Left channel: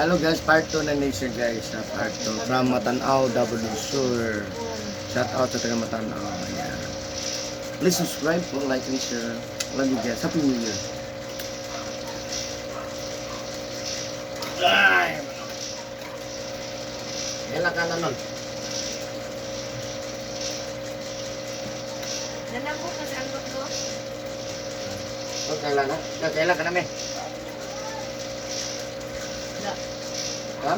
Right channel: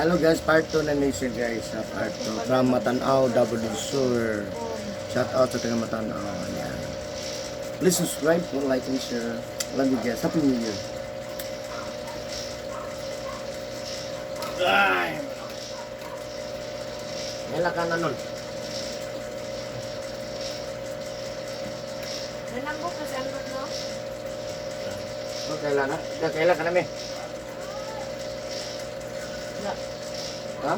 Hello guys, part 2 na nation guys. Part 2 from Matanao, Davao del Sur. Shout out sa taga Matanao. Ayan. Please subscribe, like and share. Love you guys. Happy New Year. Ay! Hela ka na nun. Nanambok na sa angkot mo? Kailan na? Kailan ka namin? Wala. Ha?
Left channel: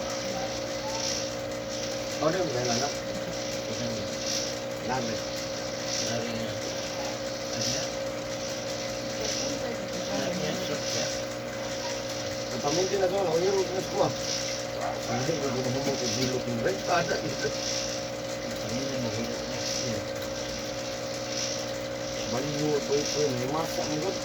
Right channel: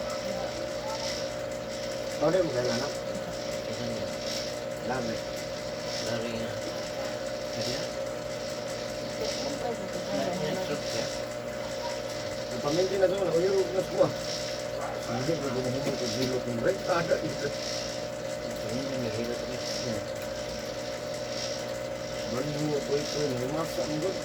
Oh, di mo kailan na? Dami. Lari na. Ada? Ang paminti na doon, uyang na kuha. Hindi ko gumahumong kung zilo kung rin. Ada ito. Paminta may hilot na. Balu, poy, masak mo doon.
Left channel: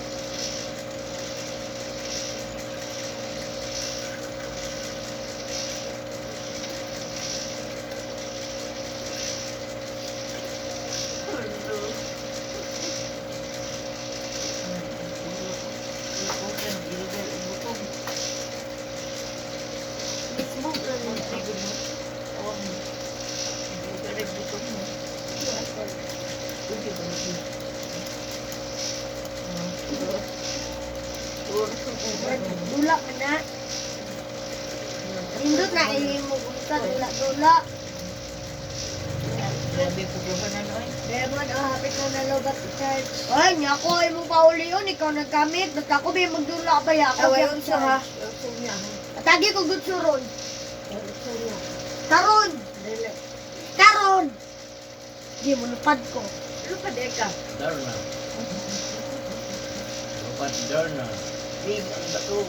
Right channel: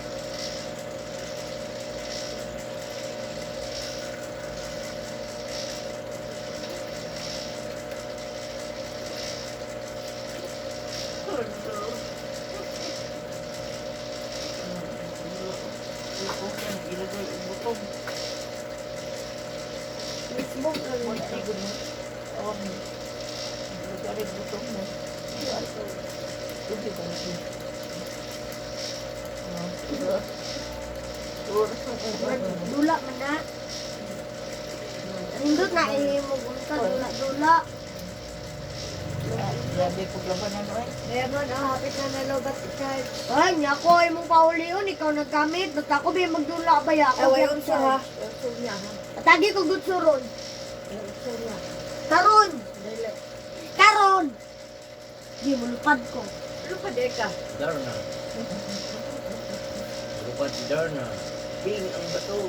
Smoke na mo. Tawag mo. Galit butong mo. Hindi ba natin? Dula man na. Indot na ihimugulta. Dula. Grabe po labanan oy. Demon, hapit na nalobat si Charge. Ay, niya ko, ay mong pauli yun. Ikaw nagkamit. Ba't ako ba magdula ba ya? Ako yung sa ha. Atagi ko good suron. Karon! Karon! Di mo lupad ko. Lupad ka? Darna. Lupat Darna. Bing ang bato.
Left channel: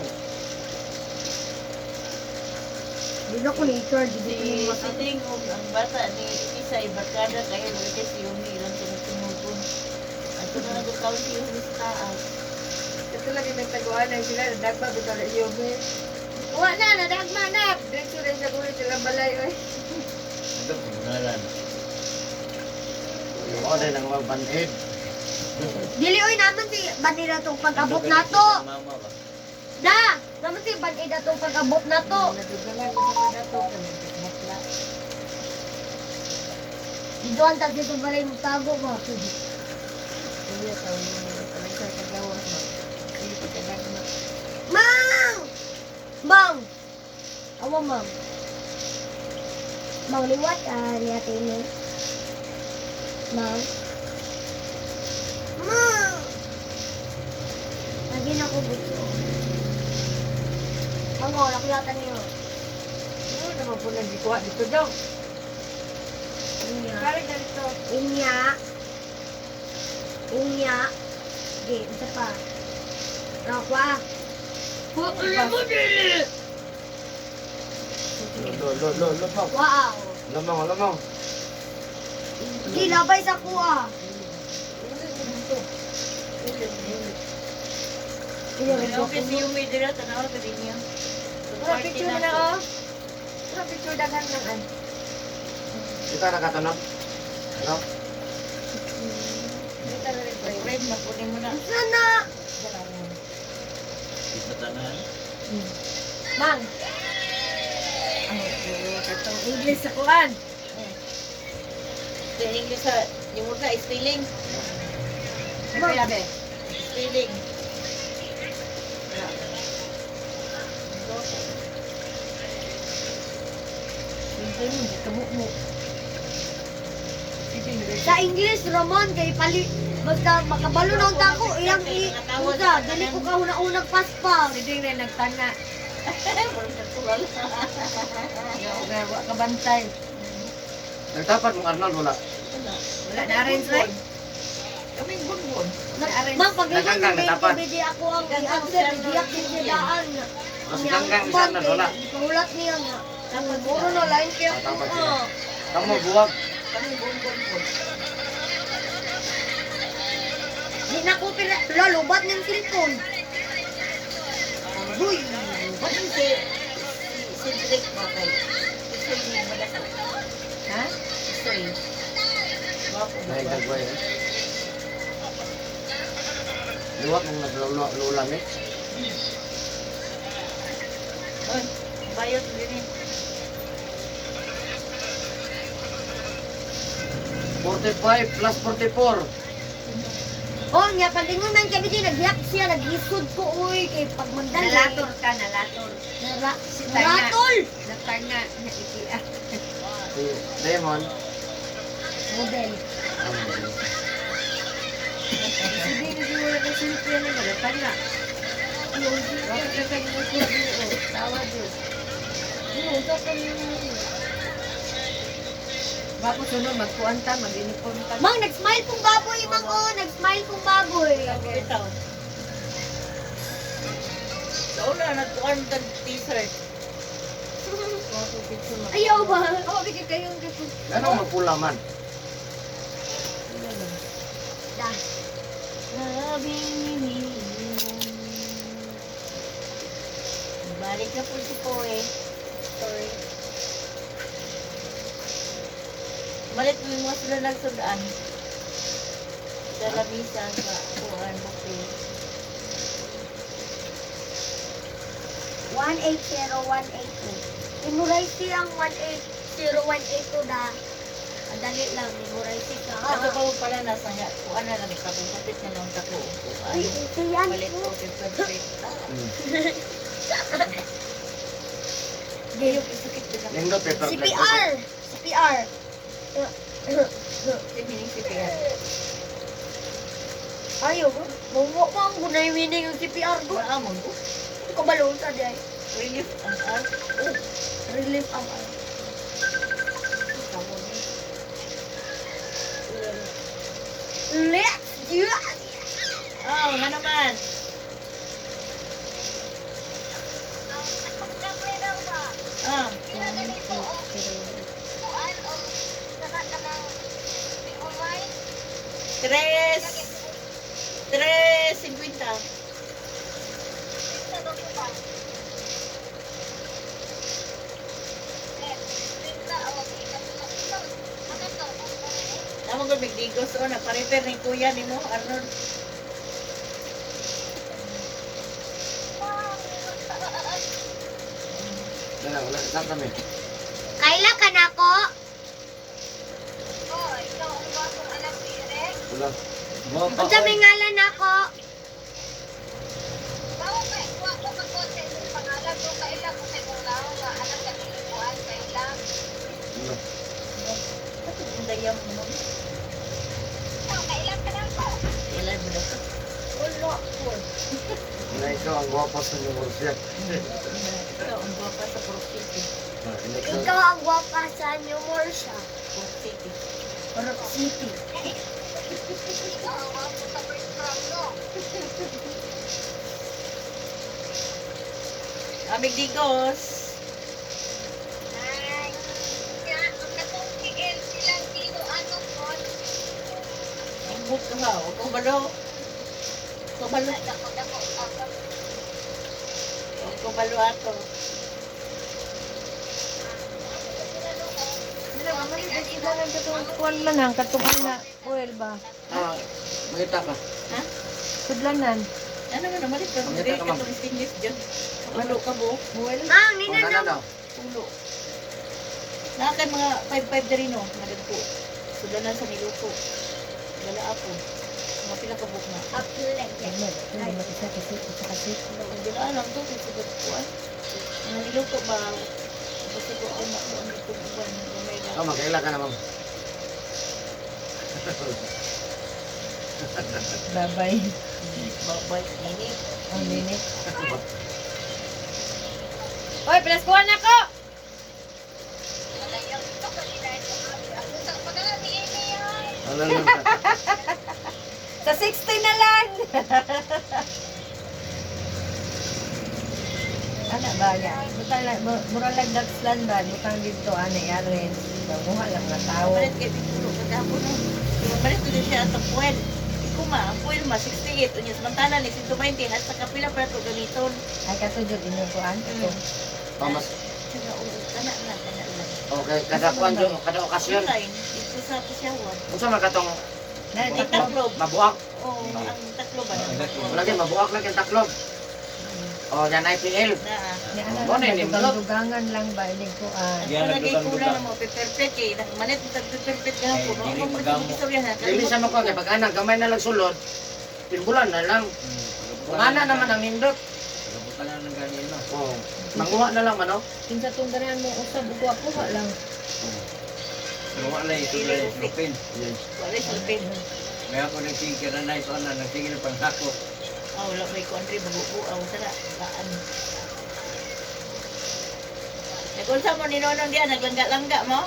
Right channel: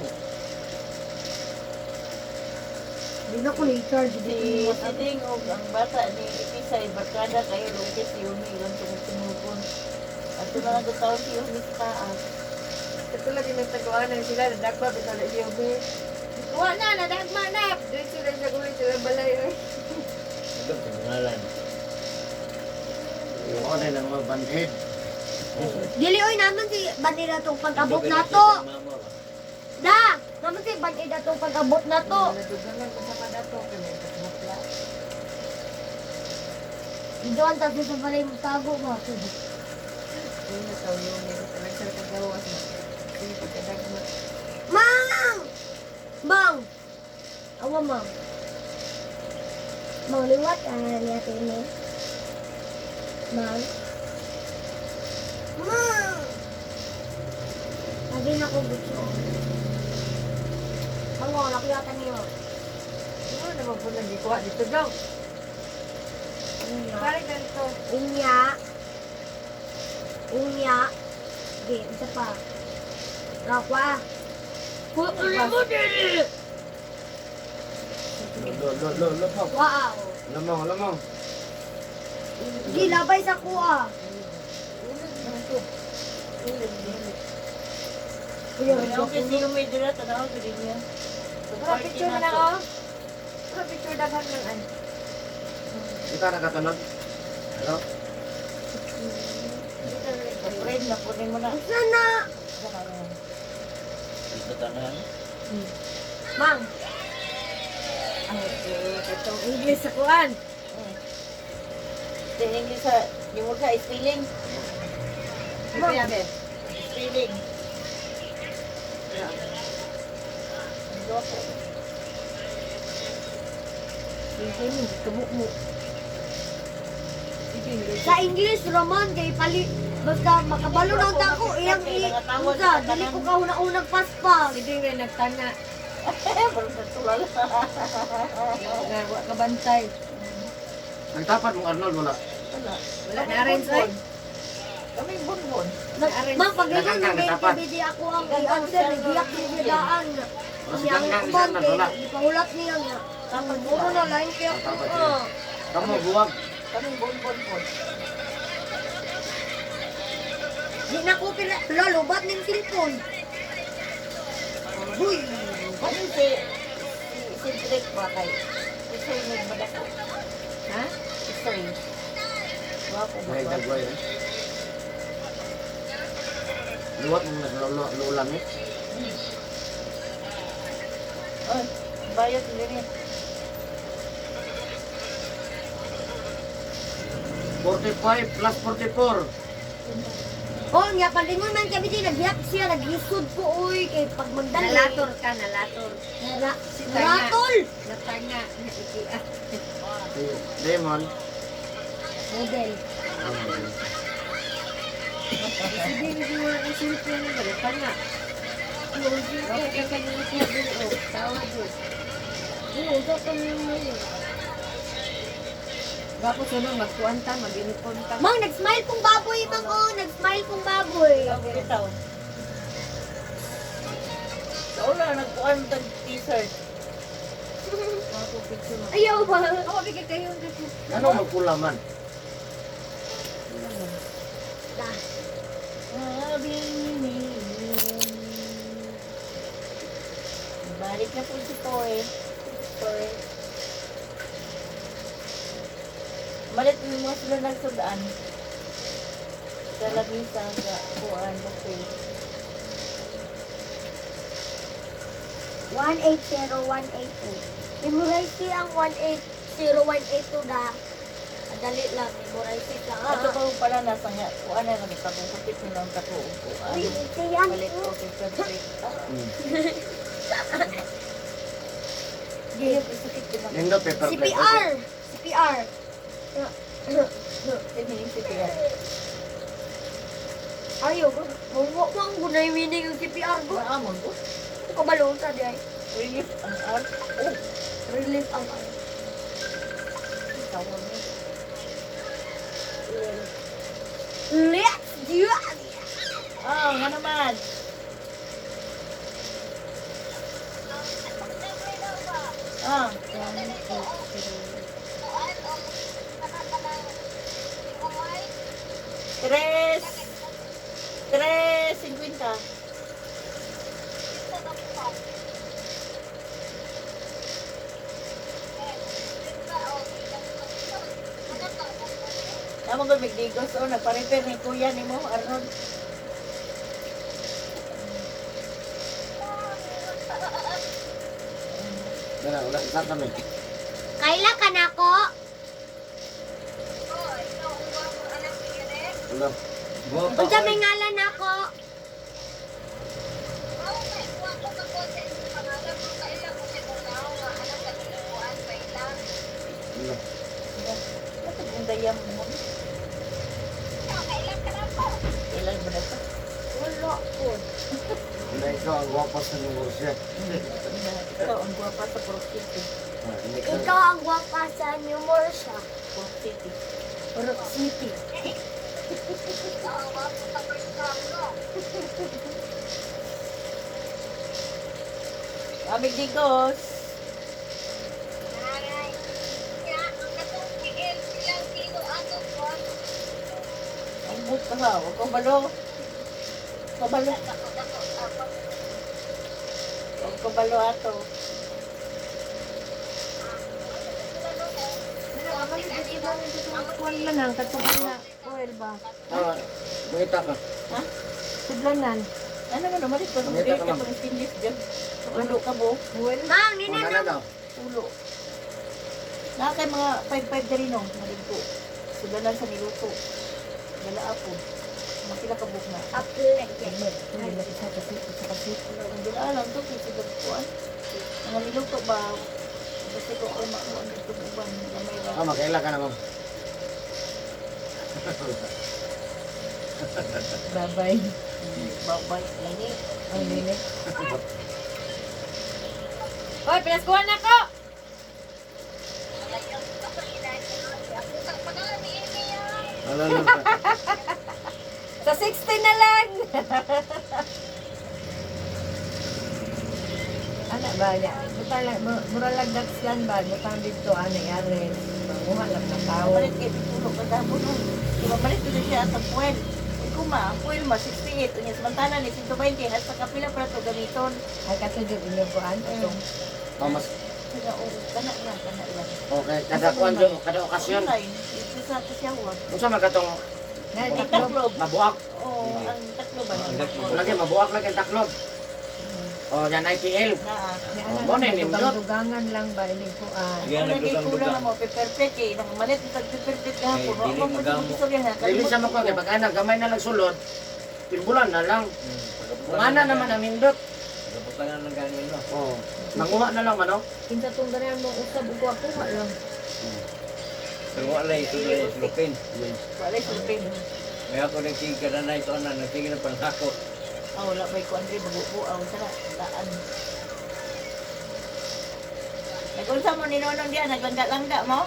Hindi na ko ni Charge. Si Siding o ang bata ni Isay barkada kayo luwede si Yumi ilang tumutun. At ito na nagkakaroon si Yumi sa taas. Ito lagi nagtaguanan sila. Nadagpa bito na siya ba? Wala na, nadagma na. Dito rin sa kulit sila balay. Ito pangalan. Yung order ng mga band-aid. Dili oy naman si banira tong pag-abot na to. Mama ba? Da! Naman si banira tong pag-abot na to. Iduan ta dito balay mo tago mo. Mang! Mang! Awa mang. Mang liwat liatin mo. Mang. Mang! Lagi na ko gusto. Mango, nakuyatan niyo. Ano naman po nagikuha dito daw? Inya. Kaya ganito. Inya. Inya. Sige, isa pa. Rakwa. Lamaw. Wow. Lamaw. Di labay sa kuha. Okay, si Yumi dira tanaw ka din niya. Wala picture na ako. Wala picture dagan lang an. Kita nakatanong. Ano? Friend na po mo na. Sana. Di patangan. Mang. Ay, katong English sa kuan. Tining niyo sa yung mo sa spelling. Mang. Spelling. Sa English, Ramon, kay pali. Basta makabalo ng tako, iyang i-usa. Dali ko ka unang paspas. Hindi rin nagtanga. Parang natulala. Wala ka bantay. Nagtapat mong Arnold wala. Wala na rin, sir. Kami bunbun. Ma'am, pag ganyan, Nagkangkang, natapat. hindi ako ang i-answer, hindi ako sinidaan. O si Ganggang isa na wala. Ipangulat niya nga. Tapat Muro sila. na lang kaya. Tapat sila. Kamu buwag. Kami bunbun po. Di na ko pila. Lalubat niyang cellphone. Uy! Ano si Drake ba kay? Isoy mo madako. Ha? Isoy. Bapo ba? May dagway. Luwat mong naglulamit. Oy, bayot din eh. 45 plus 44. Oh, nga palingunan kami din, nagyak siya, nag-isod ko, uy, kay pag mandali. Nalator ka, nalator. Naratol! Natanga. Si Demon. Model. Sige, hindi mo na kasilip yan mo. Natanga. Bakit ka kanya magsabi mo? Tawa doon. Oo, ito pa yung... Bako sunod, magkuanta, mag-inipon ka. Mang, nag-smile pong baboy, Mang, oh, nag-smile pong baboy. Ang bitaw. Sa una, nagkuhan ng t-shirt. Ayaw ba? Oo, bigay kayo. Anong magpula man? Sabi ni balik na po si Poe. Sorry. Malit mo mga sila nagsudaan. Sa lamisa sa kuhaan buffet. 180182. Memorize siya ang 180182 na. Madali lang, memorize ka. Ato pa pala nasa nga kuhaan na lang kapit na lang sa kuhaan. Siya Malit po si Frederick. Hindi yung isakit din ako. Nindot paper plate. CPR! CPR! Tiniling si Pierre. Ayaw ko. Bawa pa ang gunay meaning yung CPR ko. Maamon ko. Kabalon sa diyan. Relief ang art. Oh, relief ang Tawag niya. Let's do it! Oh, nga naman. Ah, tres. 3.50. Tama ko magdigos o nagpa-repair ni kuya ni mo, Arnold. Dala, wala sa kami. Kaila ka na ko? Wala. Guwapa. Unsa may ngalan ako? Wala. Ito kung dayam mo. Kailan mo na ito? Wala po. Ina ikaw ang guwapa sa Universidad. Ito, ang guwapa sa Purok City. Ikaw ang gwapa sa New Morsha. Purok City. Purok City. Amig digos. Ang book ka ha. Huwag kang balo. Kabalo. Huwag kang balo ato. Kuwan man ang katukan na. Well ba? Ah, makita ka. Ha? Sudlanan. Ano man naman ito? Pangita Hindi ka, ka ma'am. itong stingis dyan. Ulo ka mo. Well. Mang, O, nina nana na daw. Ulo. Nakakay mga 5-5 na rin o. Nalagpo. Sudanan sa nilupo. Wala ako. Mga pila ka book na. Apple. Ay, isa kasi, isa kasi. Hindi na alam to. Kung sagot ko ah. Mga niluto ba? Kasi ko ako nakuha ang itong uban. May Ah, magkaila ka naman. Bye-bye. babay. Ini. Ang linik. Oy, pinaskuhan na ko! Ano lang ka? Sa 60 na lang! Ano ba yan? Butala, mura lang dagslan ba? Butang dito, ano yarin? Panguha lang na tao. Balit kayo pitulo ka dahon nun. Diba balit ko siya atong puwel. Ikaw ma, ang puwel ma, 68. Unya, samantala ni 120. At sa kapila pa ito ganiton. Ay, katudod inyo po an. Pamas. Sila, oo, kana lang. Okay, kada kuan jo, kada okasyon. Online, dito sa pasyawan. Unsa man katong Ang taklob. mabuak? Oo, ang taklob ba? Lagi mabuak lang yung taklob. Oh, yan IPL. Naa. Mo na nimdot. Dugangan lang ba ining kuan. Yan, Kung nagay nagdugang-dugang. kulang na mo, perfect eh. Nangmalit, perfect ka po. dili Kung magamo. istorya na. Dili siya mo kay pag ana gamay na lang sulod. Timbulan na lang. Kung ana naman ang nindot. Pagabutangan ng ganin, no? Oh, manguha na lang man oh. Kinsa tong darian mo usab ug ako lang. Pero wala ito na yung lupin. Wala sulpin. May ako nagsigil na na ito na, nagsigil na panghakot. Ah, wala may kuandri, mabubuaw. Tara, taan. Nagulsa mo ni Nonong diyan, naglangga-langga mo?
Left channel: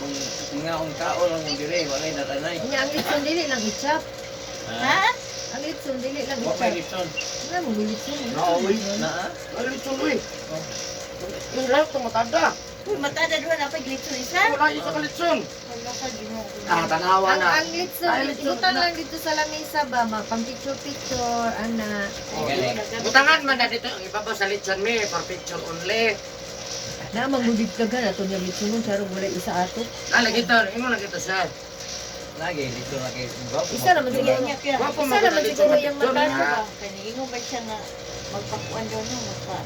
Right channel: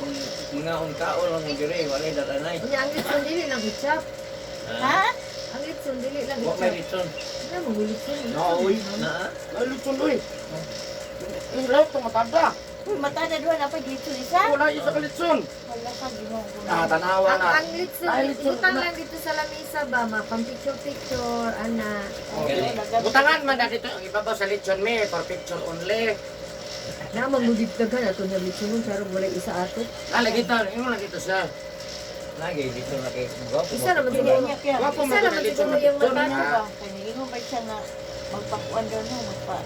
Kung mga ang tao lang mo dire, wala yung datanay. Nya ang litson dili lang itchap. Ha? Ang litson dili lang Huwag may itchap. litson. Wala mo litson. Nauwi. Naa? Ay, litson uy. Yung lahat itong matada. Uy, matada doon, apa glitso isa? Wala isa ka litson. Wala ka, di mo. Ah, tanawa Ang na. ang litson, Ay, litson butang na. lang dito sa lamesa ba, pang picture ana. Galing. Butangan man na dito, ibabaw sa litson me, for picture only. Na magudid dagan ato nya litson mo sarong wala isa ato. Ah, lagi ito, imo lagi ito siya. Lagi, dito na kayo. Gwapo Isa naman Sige, siguro. niya kaya. Wapo mo Isa na naman litson siguro na yung picture. mata. Ah, Kaniingon ba siya nga magpakuan daw no, magpa.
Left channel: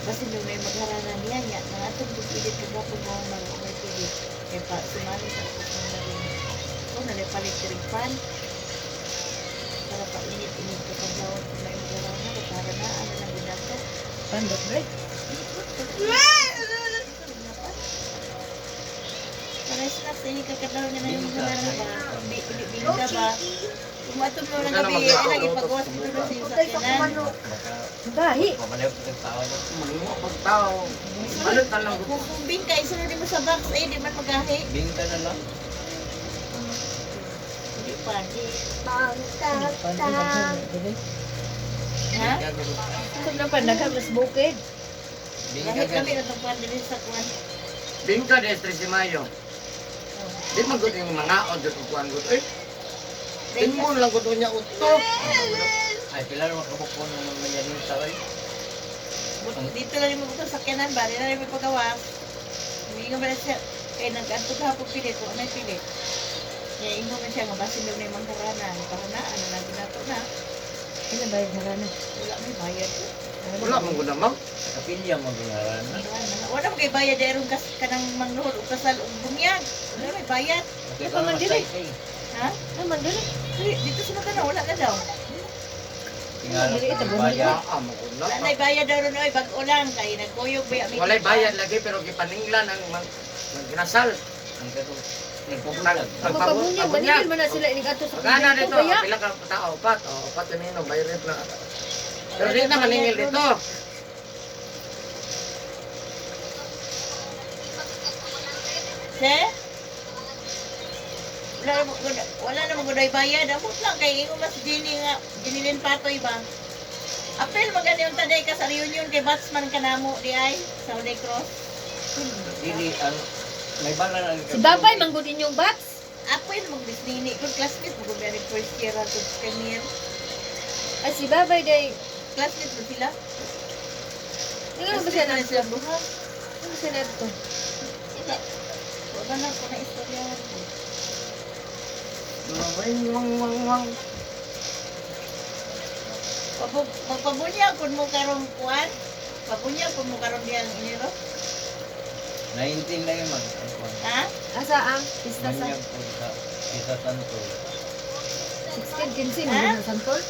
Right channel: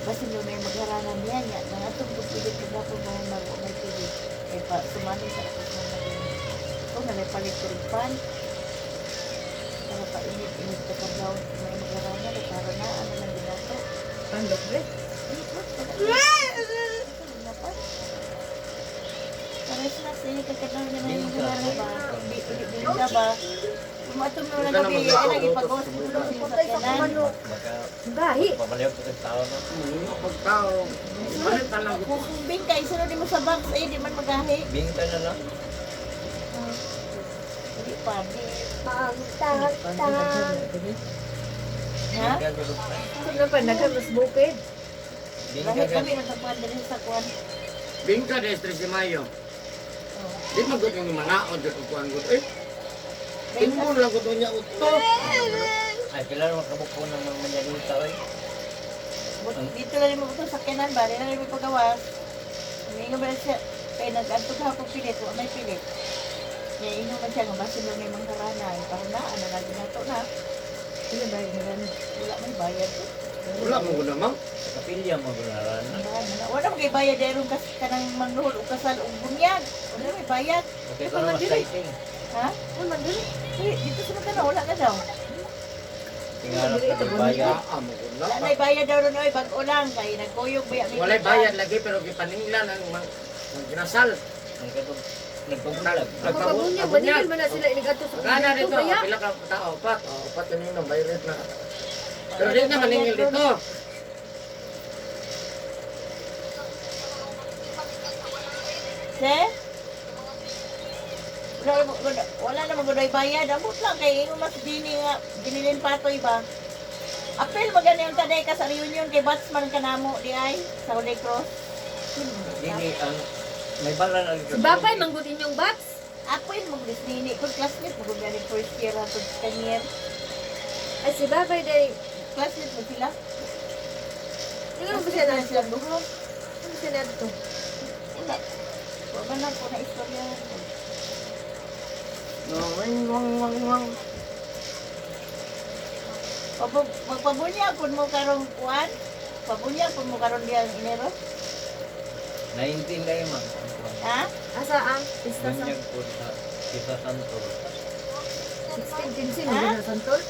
Basta nung may magharanan niya, niya, nga itong pipilit ko ba po mga maro, may pilit. Eh, pa, sumali sa ako mo na rin. Ito, nalipalit tripan. Para pa init-init ko pa daw kung may magharanan, o para na, ano lang ginato. Pandot re. Para sila sa iyo, kakadaw niya na yung magharanan ba? Bingka ba? Kumatong mo lang gabi, ay lagi pagawas ko na siya sa kanan. Baka, Gahi. pabaliw ko sa tao, no? manguha pag tao. Balit na lang. Kung bingka, isunod mo sa box, ay di man magahi. Bingka na lang. Hindi pa, di. Pandot Ha? Bingka gano'n. Sa na pandagan mas bukid. Bingka Bakit kami gano'n. natagpuan din sa kuwan? Bingka de 13 Mayo. Di man gud yung mga on jud kuan gud. Eh, tingon lang gud niya uto. Ay, pila rin makabukpo ng mga manyanita, oy. Dito lang mo ito sa kanan ba? Dito lang mo pagawa. Hindi nga ba siya, kaya nag-anto ka po pili ko, may pili. Kaya ino man siya, nga basin daw na yung mangkaranan. Para na, ano na ginato na. Ila bayad na rana. Wala may bayad. Wala mo gud naman. Kapilya mo ginaran na. Wala mo kay bayad dahil kanang mangluhod o kasal o bunyag. Wala may bayad. Okay, ito na exciting. Ha? Naman dili. Dito sa magkano, wala na daw. Tingnan ko ng bayad. Ah, mo gud Wala na. na bayad daw ron, oy, bag-o lang. Kaya nagkuyog ba? Walay bayad lagi pero gipaninglan ang magginasal. Ang katong nagpupunalag. Magpabunyag, manigil man na sila inigato sa Magana dito, Kaya, pila ka tao, opat. Oh, opat kanino, bayad na. Pero di na maningil dito. Se? Wala na maguday bayad. Amot lang kay ingo mas dini nga binilin patoy ba. Apel magani yung taday ka sa reunion kay Batsman kanamo di ay sa Holy Cross. Dili, may bala na si Babay manggod inyong bats. Apel mong disnini kun classmate mo gud first year at 10 year. Ay si Babay day. Classmate mo sila. Tingnan mo ba siya na sila duha. Ano siya na ito? Wala. Wala na ko na istorya. Wang wang wang wang. Magpabunya pun mo karong kuan. Pabunya pun mo karon diyan Enero. 19 na yung Ha? Asa ang pista sa Manyag po sa Tita Santol. 16 15 mo na santol.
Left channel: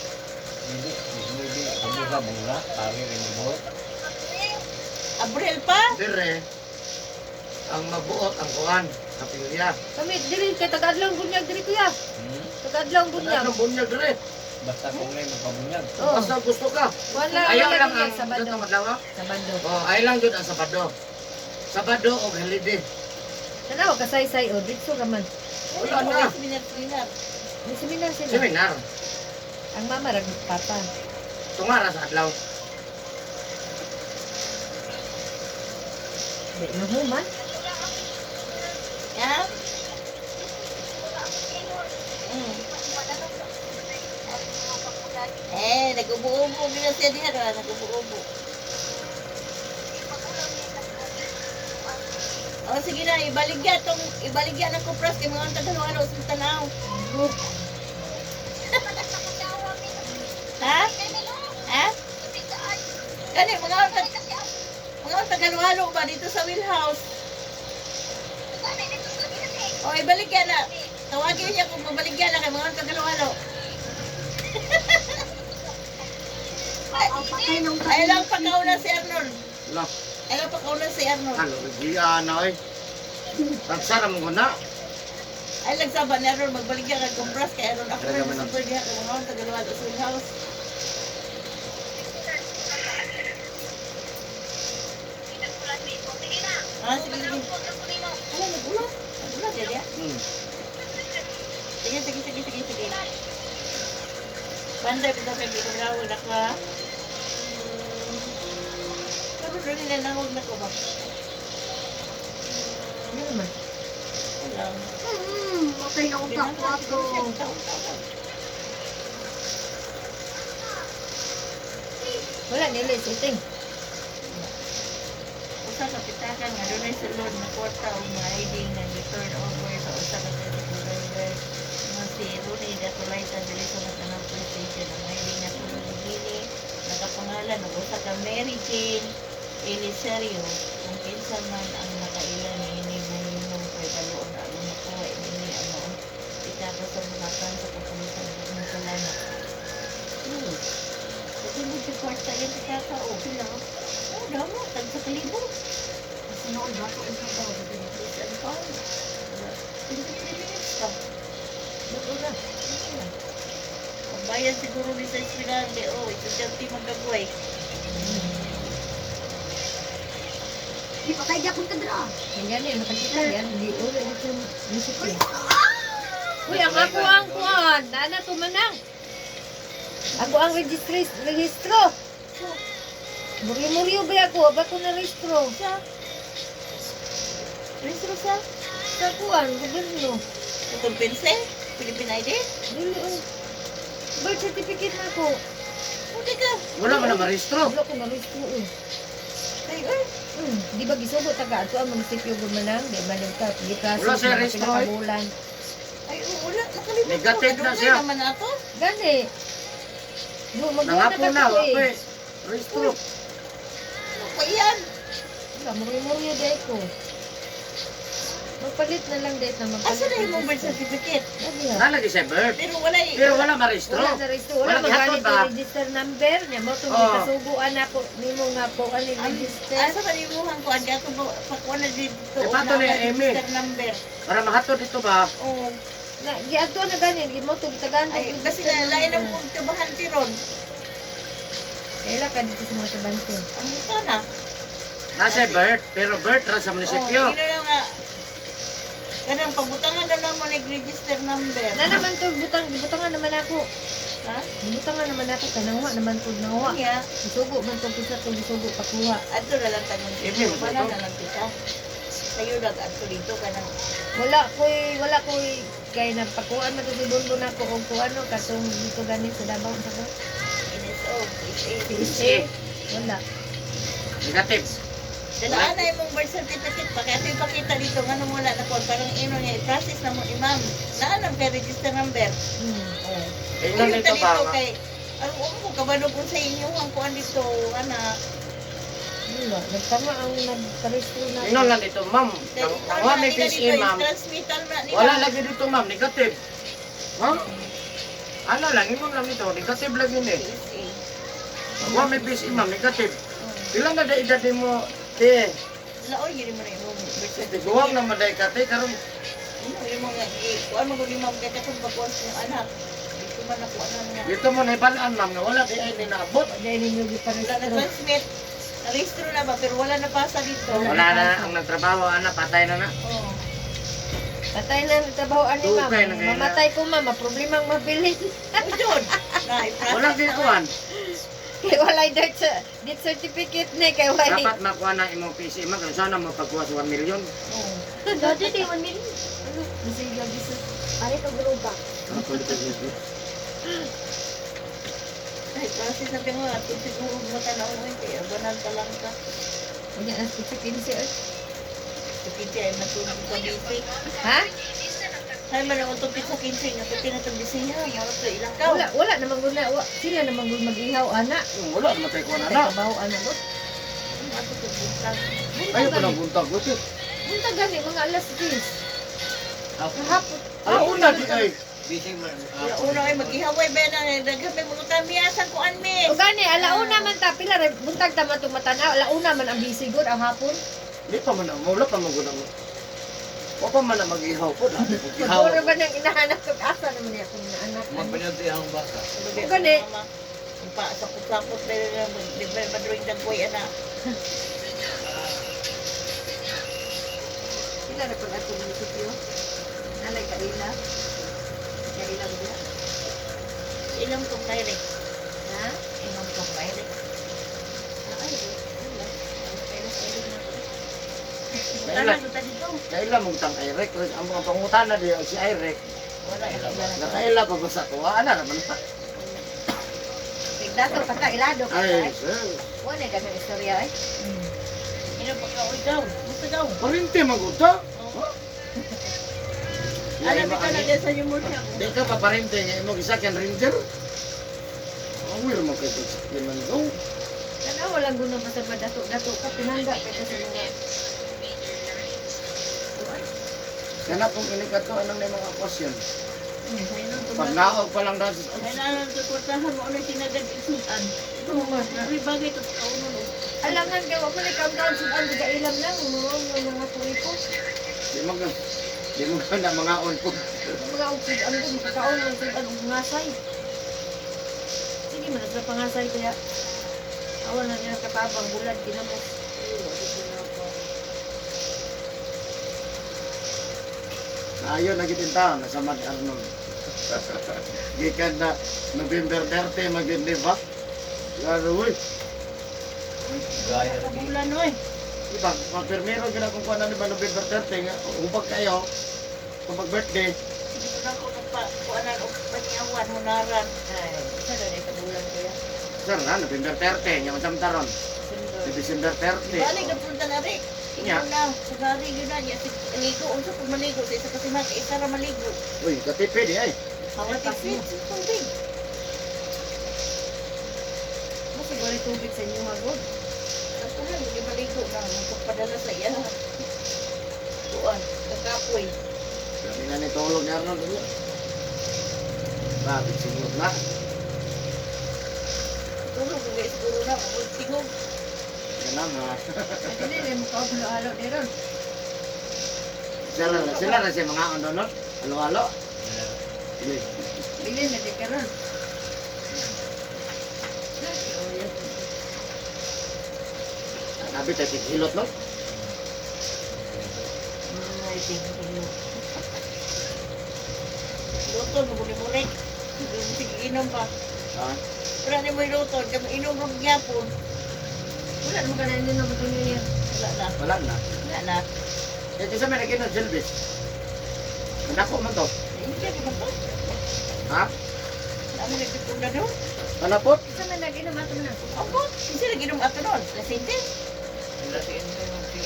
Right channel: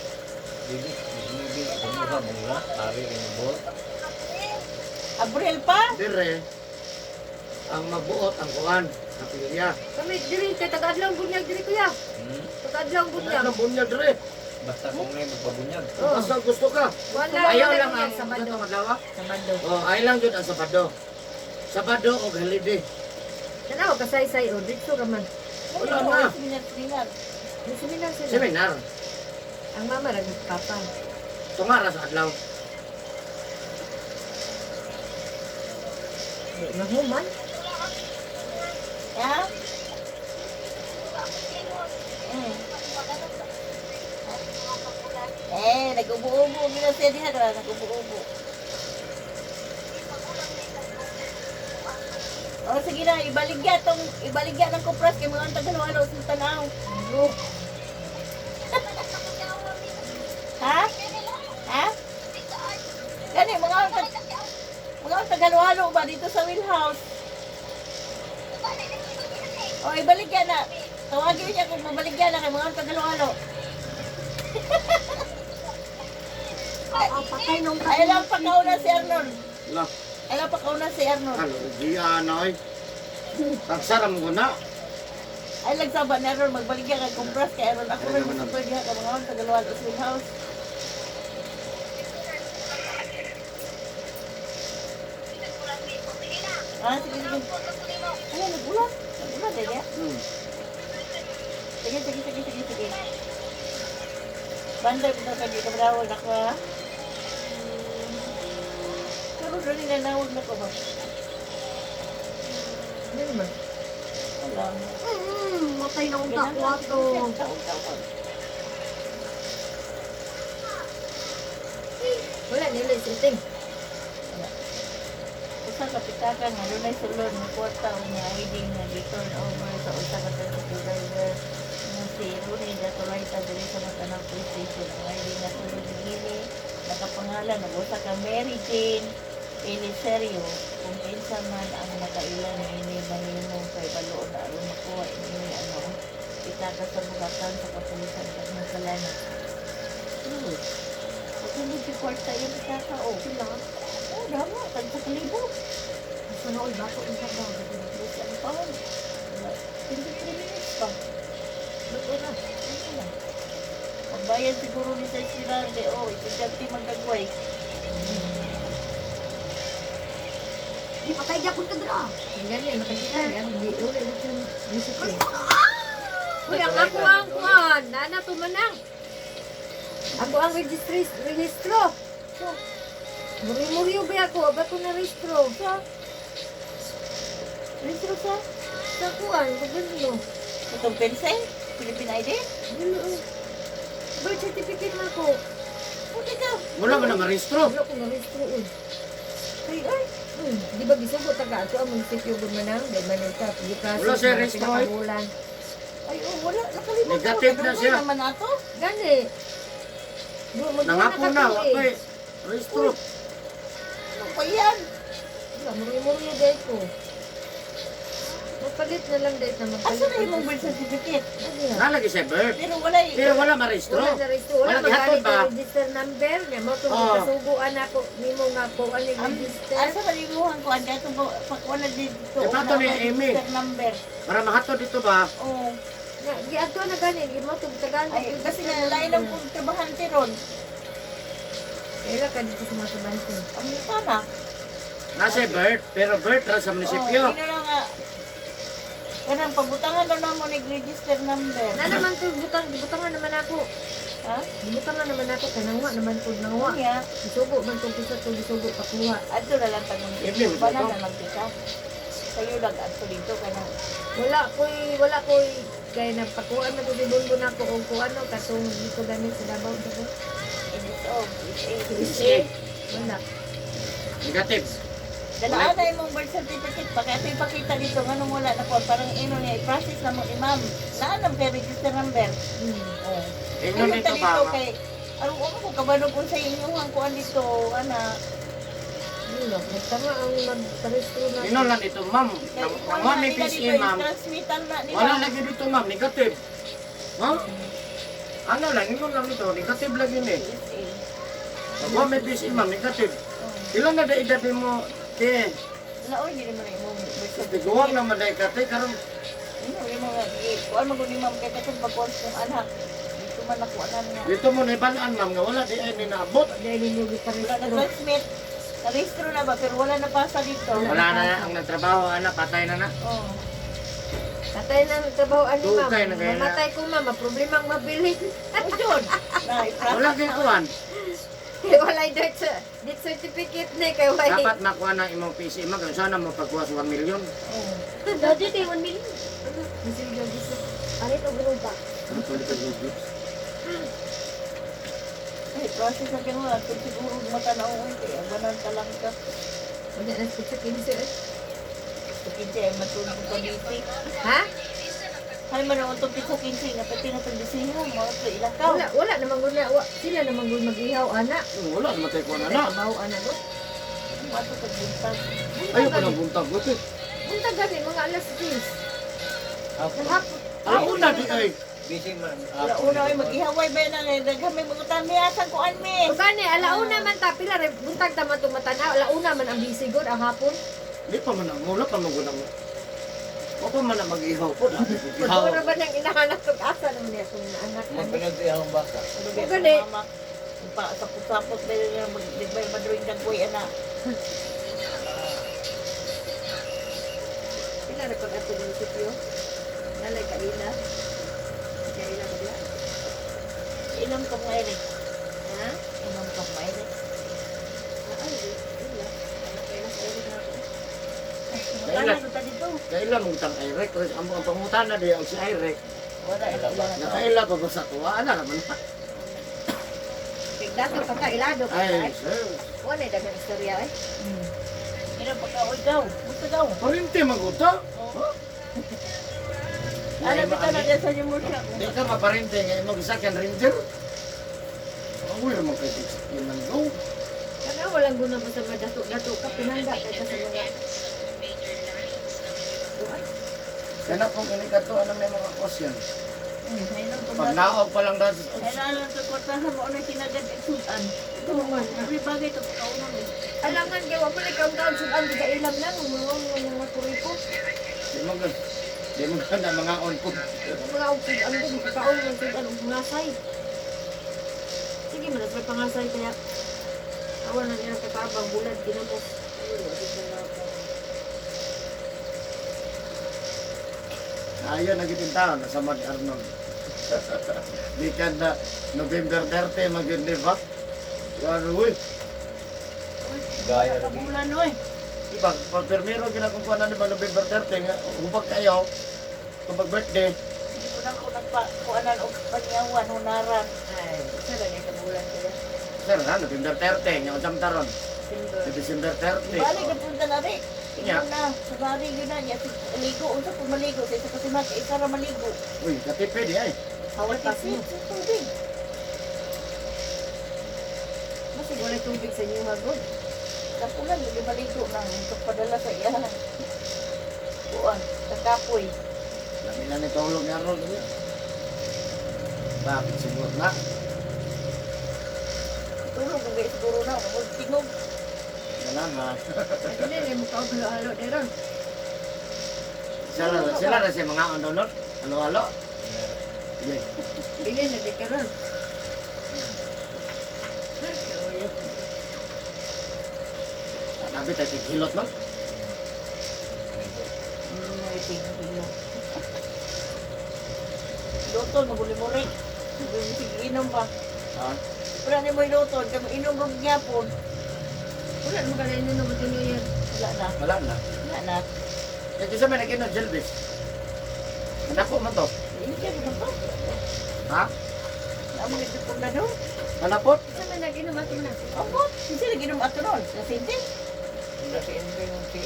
Dili, dili, kumuha mula, pari rin mo bol. Abril pa? Dire. Ang mabuot ang kuan, kapilya. Kami diri kay tagadlaw bunyag diri kuya. Hmm? Tagadlaw bunyag. Ano bunyag dire? Basta kung may magpabunyag. Oo. Basta gusto ka. Wala Ayaw wala lang bunyag ang Sabado. gatong adlaw. Sabado. Oh, ayaw lang jud ang Sabado. Sabado o holiday. Tanaw kasay-say o dito raman. Wala na. Seminar. May seminar sila. Seminar. Ang mama ra papa. Tungara sa adlaw. Di mahuman. Ya? Nag-ubo-ubo. Bila siya diha na, nag-ubo-ubo. O, sige na, ibaligya ng kupras kay mga tagalong sa tanaw. Ha? Ha? mga Tagalwalo ba dito sa wheelhouse? O, ibaligyan na. Tawagin niya kung mabaligyan na kay mga Tagalwalo. Patay nung Ay lang pagkauna si Arnold. Lah, Ay lang pagkauna si Arnold. ano, giya na oy. Tagsaram ko na. Ay lang saban ni Arnold, magbaligyan kay kumpras kay Arnold. Ako Talaga rin man ang- super diha kay mga Tagalwalo sa wheelhouse. Ah, sige, sige. Ano, nagulat? Nagulat, eh, diya? Sige, sige, sige, sige, sige. Banday ko kay Gita Bravo, naka... Karoon doon nila nahog na ko ba? Ano naman? Wala. Patay na akong takwato. Wala nila isiting. Usa ka pitakan nga doon ay sulod na kwarta o nga ID nga di-turn over sa usa ka tricycle driver nga si Rooney Datolaita dili sa Matanang Police Station. Ang ID nga sulod ni Gini nakapangalan nag-usa ka Mary Jane Eliserio kung kinsa man ang nakailan ini mahimo kay baloon na aron makuha ini ang mga pitaka sa bukatan sa kapulisan sa Mansalana. Katulog si kwarta yung pitaka o sila. Oh, damo, tag sa kalibo. Asa na all bato ang sabaw. Please, ano pa? Wala. 23 minutes pa. Wala. Pagbayad siguro ni sa estudyante, oh, estudyante magdagway. Di patay di akong kadra. Yan yan, nakikita yan. Hindi ulit ito yung isiting. Uy, Ako ang kuhan. Nana tumanang. Ako ang registro. Muri-muri ba ako? Ba ko na registro? Registro sa? Sa kuhan, gobyerno. Itong pense? Philippine ID? Dili. Birth certificate na ko. Okay ka. Wala man na marehistro. Wala ko na registro eh. Ay, ay. Di ba gisugo taga ato ang munisipyo gumanang? Di ba nito? Wala siya registro, eh. Ay, oh, wala. Nakalimutan ko. Negative na Kadungay siya. naman ato. Gani. Nangapo na, wala eh. Rehistro. Ano pa yan? Wala, muri-muri dahil ko. Magpalit na lang dahil na magpalit. Asa na yung birth certificate? Gani ha. Nalagi sa birth. Pero wala eh. Pero wala marehistro. Wala na registro. Wala Wala gihatod magalit ba? na register number niya. Mo itong Oo. ikasuguan ako. Nimo nga po ang register. Asa ka limuhan ko? Ang gato po. Pakuha na dito. Eh, pato ni Amy. Register number. Para mahatod dito ba? Oo. Na, di ato na gani. Di mo itong tagaan. Ay, kasi na lain ang pagtabahan tiron. Kaya ka dito sa mga tabante. Ang mukha na. Nasa birth. Pero birth ra sa munisipyo. Oo, yun na nga. Ganun, pabutangan naman mo nag-register number. Na naman to, butangan naman ako. Ha? Butangan naman ako. Kanangwa naman to. Oo Nangwa. nga. Isugo man itong pisa to. Isugo pakuha. Ato na lang tanong Hindi, dito. mas Bala ito. na lang kita. Sa'yo lang ato dito ka na. Wala ko'y kaya napakuan na to si Bungo na ko kung kuano katong dito gani sa Davao sa ko. NSO, PSA. PSA. Wala. Negative. Dalaan na yung birth certificate. Pag ato ipakita dito, nga nung wala na po. Parang ino niya, i-process na mo imam. Naalam kay register number. Oo. Eh, nung dito ba? Kay, ano ko kabano kung sa inyo ang kuan dito, anak. Nagtama ang nagparesto na. Inon lang dito, ma'am. Nangwa may PSA, ma'am. Transmittal na nila. Wala lagi dito, ma'am. Negative. Ma'am? Ano lang, inon lang dito. Negative lagi ni. PSA. Nangwa may PSA, ma'am. Negative. Ilang na edad mo, te. Laoy, yun mo rin mo. Tiguwang na maday ka, te. Karong, Yun mo nga, kuan mo guli mo kay katong pagkos ng anak. Dito man nakuha na nga. dito mo na ibalaan, ma'am. Nga wala di ay ninaabot. Dahil ninyo Wala giparesto. na-transmit. Na-registro na ba? Pero wala na pasa dito. Wala na ang nagtrabaho, ana. Patay na na. Oo. Patay na nagtrabaho ani Dugay na ma'am. kaya na. Mamatay ko ma'am, problema ang mabili. Ano yun? Wala ginkuhan. Kaya wala yung death certificate na kaya wala. Dapat makuha na imong PSA, ma'am. Kung sana mo pagkuha sa 1 million. Oo. Dati di 1 million. Bisig lang bisa. Ano ito grupa? Ano ko dito dito? Ay, process na tingnan mo. At kung siguro matanaw mo hindi, agwanan ka lang ka. Ayan ang pizza 15 eh. Sige, ay matulog ka dito. Ha? Ay, manoon itong pizza 15. Napitin na itong bisina. Mawag ito ilakaw. Wala namang guna. Sila namang guna mag-ihaw ana. Wala naman tayo kuha na na. Trabaho ana ba? mo ato pagbuntag. Ayaw ko nang buntag ko ito. Punta gani mga alas 10. Ako, Kahapon. Alauna di ay. bising man. Wala una ay maghihaway ba na daghami mo tamiasan ko anmi. O gani, alauna man ta pila rin buntag ta man tumatanaw. Alauna man ang bisigod ang hapon. Di pa man ang mula pa man ko nang. O pa man na mag-ihaw po. Dami ko ihaw. Siguro ba nang inahanap kung asa naman niya kung anak. Magpanyod ang baka. Gani. Pa sapot-sapot na madruing dagway ana. Pila rin pag ato ng sityo. Nalay kaila. Kaila ba? Inom ko mayre. Ha? Inom ko mayre. Ay, wala. Kailan sa na ako. Tala kita dito. Kaila mong tang Irek. Ang mga pangutana di ang si Irek. Wala ila na. Nakaila ko sa tuwa. Ano naman pa? Dato ka ilado ka Ay, ay. sir. Wala dagang istorya ay. Inom pa ka oy daw. Gusto daw. Parinti maguta. Ano kita na dyan sa inyo mo siya. Di ka paparente. Ngayon mo isa kyan ranger. Ang weird mo kayo sa liman ko. Kana walang guna basta dato ka pinangga ka sa mga Kana kung inikato anong may mga question. Inom ko Pag ba? naog pa lang dahil Ay na sa kwartahan mo ano tinagad isutan. Ito mo man. Ari bagay to kaunon eh. alangan kay wa man ikaw daw sudan diga ilam lang mga kuriko. di mo ka na mga on po. Mga upod ang dun kaon ang sudan og ngasay. Sige man sa pangasay kaya awan na niya katabang bulad ginamos. Ayon na gitin taon sa Mad Arnold. Gikan na November 30 mag-deliver. Laro uy. Gaya na di. Kabulan oy. Pag permero gina kung kuan ni ba November 30 nga upag kayo kung birthday. Hindi ko na ako nagpakuanan o panyawan, hunaran. Ay, sa na ni kabulan kaya. Sir ha, November 30 nga unsam taron. Sa December 30. Balik na punta na rin. Nya. Ina na, sugari yun na. Yan, ligo. Unsa kung maligo. Sa isa kasi isa na maligo. Uy, katipi di ay. Hawat tipid. Tubig. Kasi wala tubig sa inyo magod. Kapulan, lagi maligo na. Magkapadala sa iya. Kuan, kakapoy. Sabi na ni tulog ni Arnold niya. Bakit siguro na? Tulog, hindi siguro na. Magtingog. Ganun ha. Hindi na mo kaulo-halo di ron. Sila na siya mga ononot. Halo-halo. Sige. Dili na di karon. Nabi tayo hilot no? Luto, nabuli mo rin. Sige, inom pa. Ha? Pero ano mo yung luto, kami inom rin gyapon. Wala mo kanin din na yan. Wala na. Wala na. Wala na. Eh, kasi may naging na jelbis. Manako man to. Hindi ka pa. Ha? Amo ito kung na doon. Manapot? Sa man nag-inom ato na. Abot. Hindi lagi inom ato nun. Kasi hindi. Hindi si Endo yung si.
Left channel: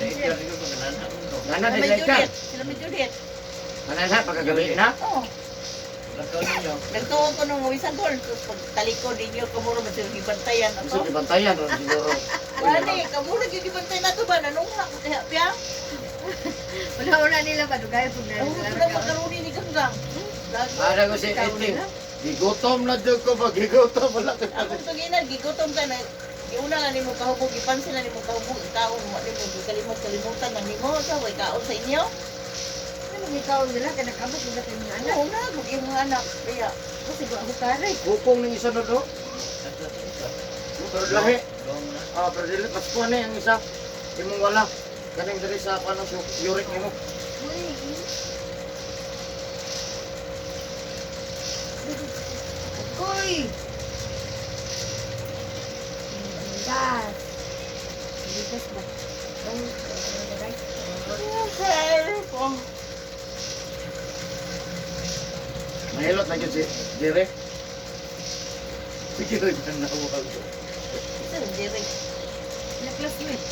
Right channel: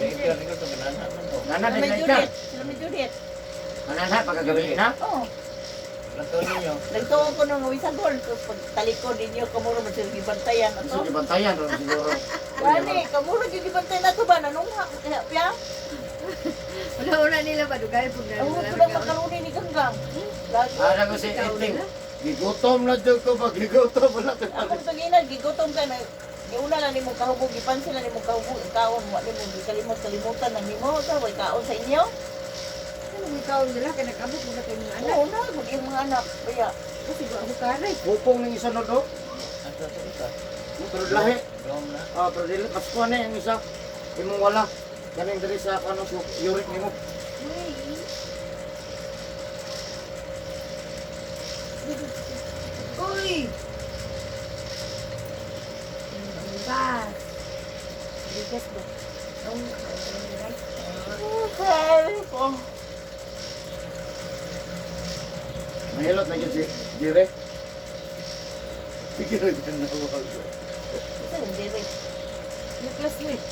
Edgar ito ito nanana mo to. Nana Sila din may na ka. Juliet. Sila may Juliet. Nana na, pagkagabi na. Oo. Lanto ninyo. Nagtuon ko nung sa gol. Tapos pag talikod ninyo, kamuro na sila gibantayan Gusto ako. kibantayan ron siguro. Wala kamuro gibantayan na to ba? Nanungha ko kaya piya. Wala nila ba dugay pag na. Ang ko lang makaruni ni Ganggang. Lagi. Para ko si Eting. Gigutom na dyan ko pag gigutom wala ko. Ako sa ginan, gigutom ka na. Giuna na nimo kahubog, gipansin na nimo kahubog, ikaon mo nimo kalimutan ng nimo sa way kaon sa inyo. Ano ni kaon nila kay nag-abot mo sa mga anak. Oo na, mag yung mga anak. Kaya, Kasi go ako kare. Pupong ng isa no do. Nagto ito. Pero lahi. Dom na. Ah, pero dili mas kuha na yung isa. Imong wala. Kaning diri sa kanang uric nimo. Uy. Bas. Bigas ba? Right. help. Mahilot na yun si Jire. Sige rin na nawag. Ito, hindi rin. Na classmate.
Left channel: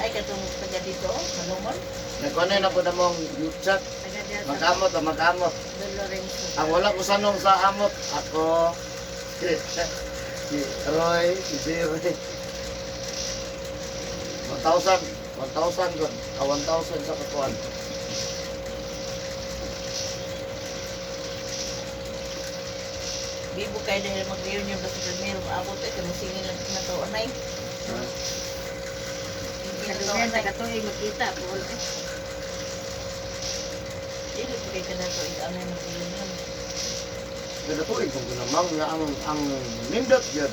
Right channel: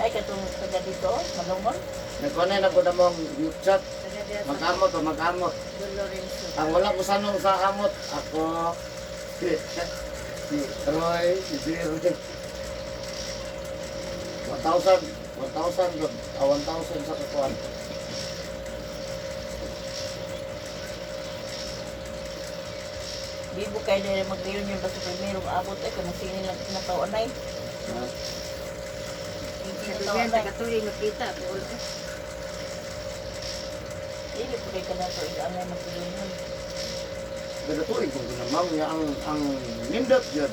Ay, katong taga dito, malumon. Nagkunay na po na mong chat. Taga diya sa Mag-amot o mag-amot. Don Lorenzo. Ang wala ko sanong sa amot, ako, si Roy, si Jire. 1,000 good. 1,000 sa kakuan. Bibo kayo dahil mag-reunion basta primero maabot ay kamasinin lang pinataon ay. Ha? Kadugan, taga-tuloy makita. Puhol ka. Dili po kayo ka na ito inaanay mag-reunion. Pero tuig kung namang nga ang nindot yun.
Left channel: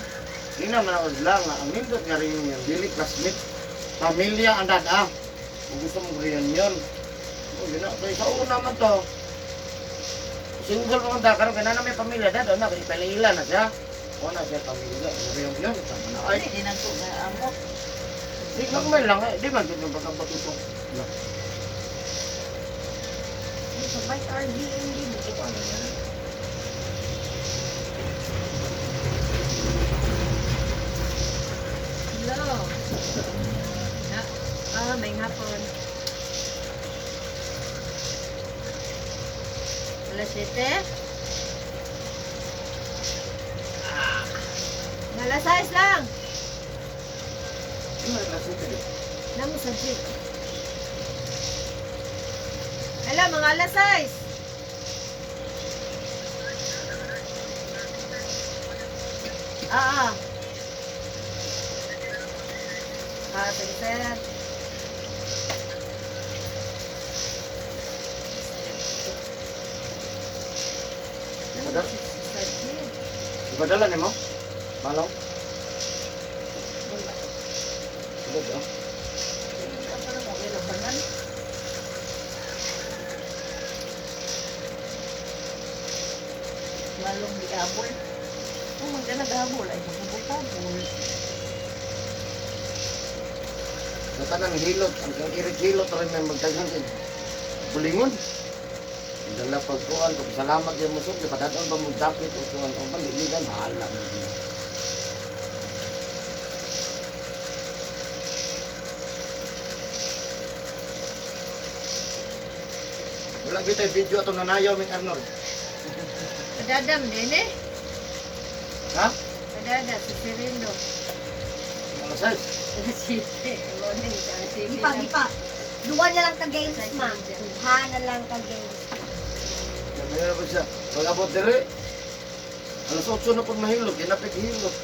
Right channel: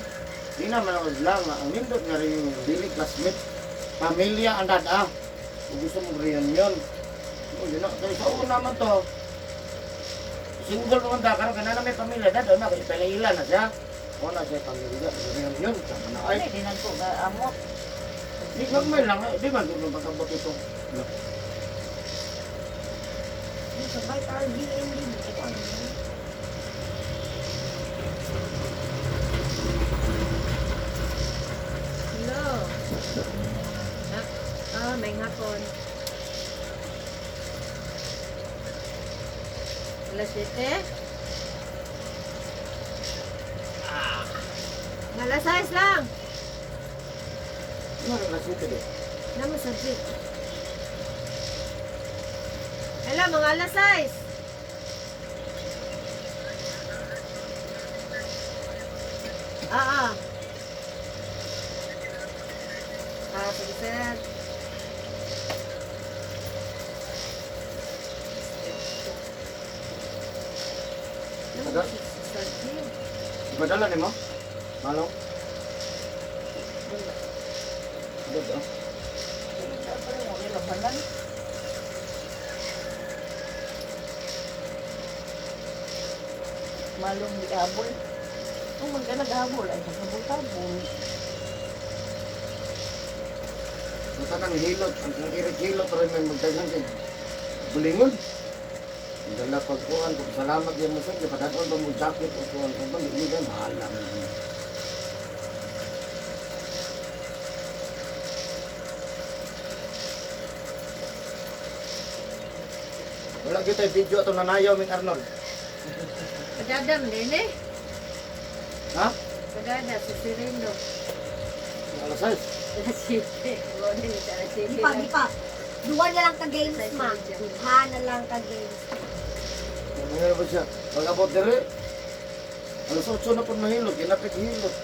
Di naman ako lang nga, ang nindot nga rin yung dili classmate. Pamilya ang dada. Kung gusto mong reunion. O yun na, kaya sa una man to. Single mo ang karon kana na may pamilya dada na, kaya palila na siya. O na siya pamilya, reunion. Sama na Ay, ay. di nang ko nga amo. Di magmay lang eh, di man dito pagkabato ito. Sabay Airbnb. Ito pa naman. Hello. May hapon. Alas 7. Alas 6 lang. Ano rin kasi ito eh. Namo sa jeep. Hello, mga alas 6. Sige, sir. Ipadala ni mo? Malong? Ano ba? Pero mo ilabanan. Malong di abol. Kung magana gabol ay magabol-abol. Sa tanang hilot, ang irit hilot rin may magdagan din. Bulingon. Ang dala pagkuhan, kung salamat yan mo sir, padaton ba mong jacket o kuhan o ba, hindi ka mahala. Wala kita video ato nanayaw, Ming Arnold. Padadam din eh. Ha? Padada, si Sirindo. Alas 6. Alas 7. Morning, alas 7. Di pa. Duwa na lang ka games, ma. Ha na lang ka games. Mayroon ba siya? Pag abot dire, alas 8 na pag mahilot, ginapit hilot.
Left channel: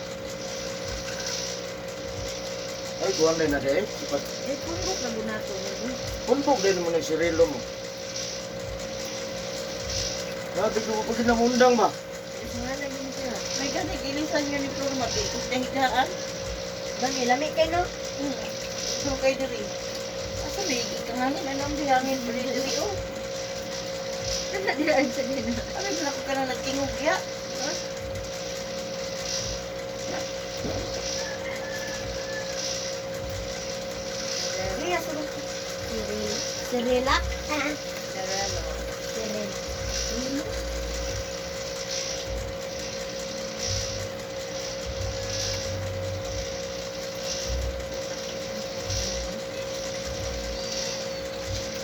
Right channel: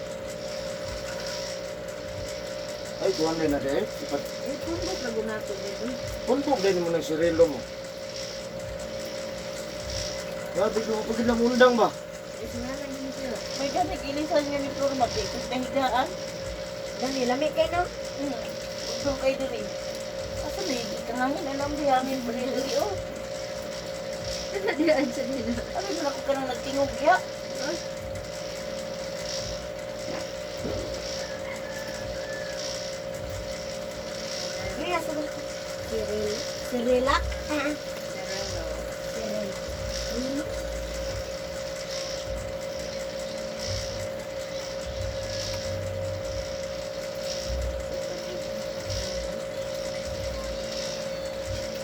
Ay, kuhan na de. Eh, kung ba't nagunato mo? Pumpok din mo ng sirilo mo. Sabi ko, pag kinamundang ba? Eh, nga lang yun siya. May gani ilisan nyo ni Florma dito sa higaan. Dali, lami kayo, no? So kay diri. Asa may itangangin alam bihangin pa rin diri oh. Diyan sa nila. Ano ba ako ka nang nagtingog ya? Riya, Sirila. Sarelo. Siril.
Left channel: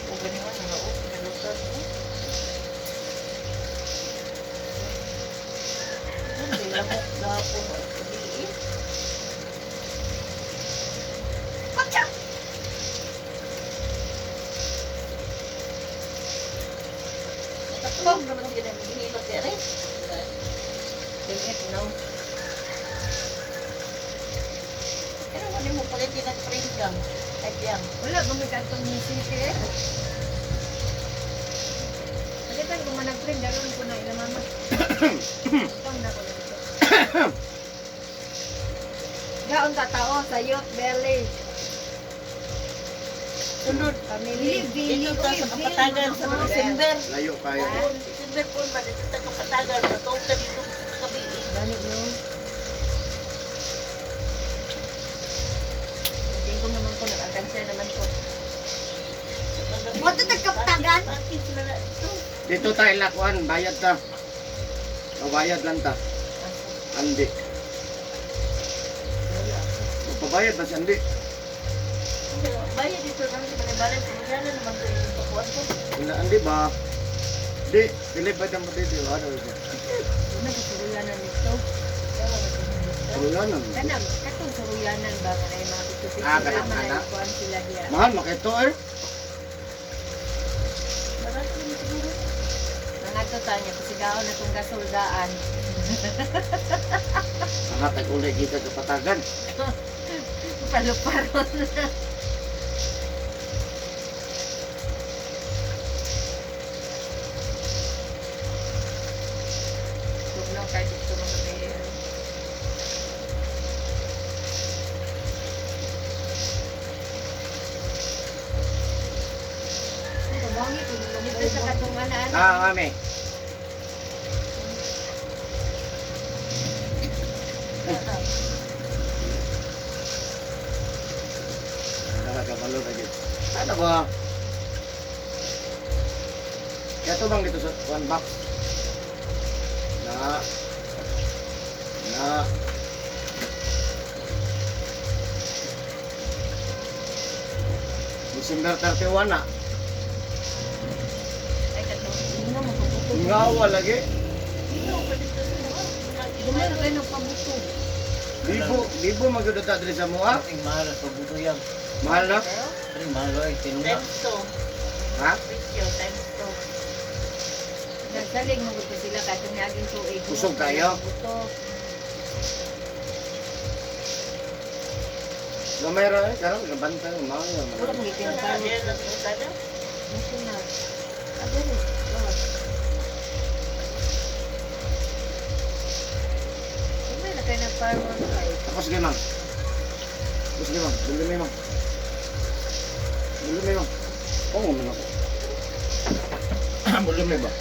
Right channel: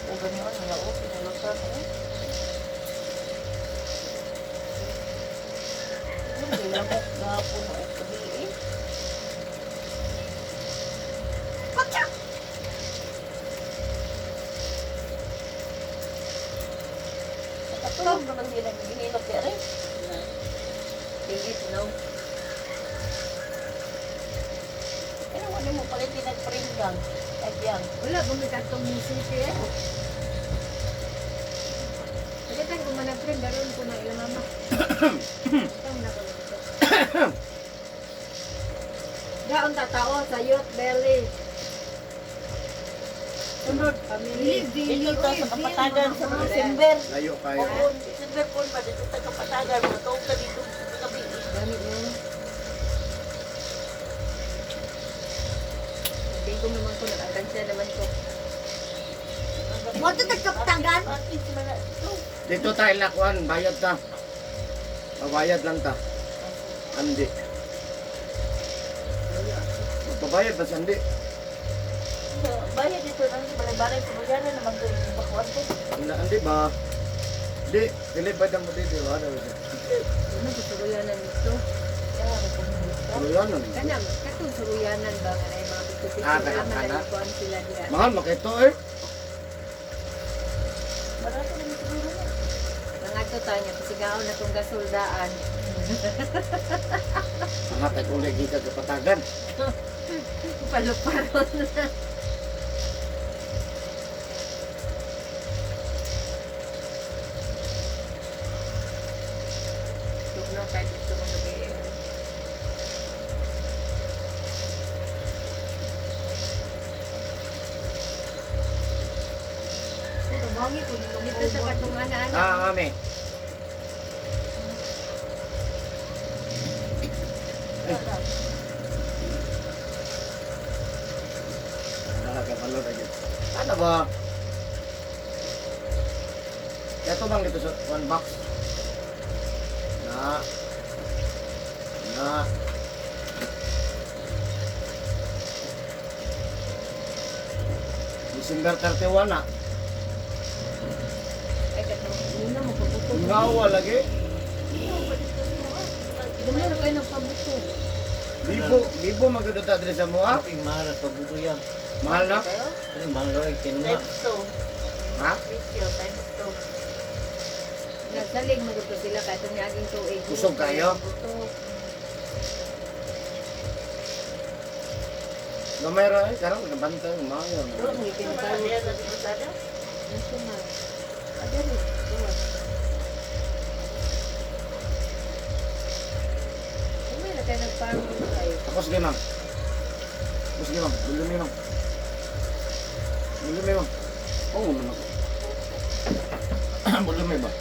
O gani man na o pinalutan oh. Hindi lamok gapon o kabi eh. Nakatulog naman sila ng hinilot ya rin. Tingit, no? Ano mo ni mo palit nag-pringgang? Ay yang. Wala ba may katong city eh? Pagkitan ko manag-print, daron ko na ilang mama. Pang na ko na dito. Daon tatao sa youth belly. Sunod. Family. Dito ka sa kapatagan sa December. Layo kayo. December po ba dito sa kapatagan? Matawag ka dito sa gabi. Gani mo. Hindi ko naman ko nag-agansya naman ko. Wato tagkapatagan? Bakit sila na ito? Dito tayo lakuan, bayad ta. Pabayad lang ta. Andi. Pabayad ba sandi? Bayad dito lang sa balay-balay. Pagkakaroon naman ko yung bakuan ko. Andi ba? Di, kilibad ang dito. Ano ito? Ano sa suruyanan nito? Kaya nagkamulit ka. Ano yan? Kanang, katong suruyanan ba nga na yung mga ganang naman kana. ay kuan sila diya. Mahal makito eh. Barato naman siguro na. Mga to tanya pasigaon na tong gasoldaan. Mga tag-ulay kita kapatagan. Paluparon na. Tugnaw kahit ito mga kaya. Kabangi ko Dito sa katong ana-ana. Mami. Nakakapalo ka dyan. Ano ba? Ito bang dito sa one box? Na. December 31 na. Ay katong. Hindi na mapabuto. Ngawa lagi. Dumi na kayo ng pabuto. Libo magdudata dili sa mua. Ating mahal at pagbuto yan. Mahal na. Ating mahal ay tinunga. Ha? Nagsalig mo gusto sila katong niaging tuig. Kusog kayo? Buto. Gamay ra eh. Karang nabantay mga. Puro mo itinutalo. Ito na. Adore. Lawas. Hindi na kayo nagparon kayo. Ako sige ma'am. Sige ma'am. Bulumi ma'am. Bulumi ma'am. Oo, man ako. Bulumi ba?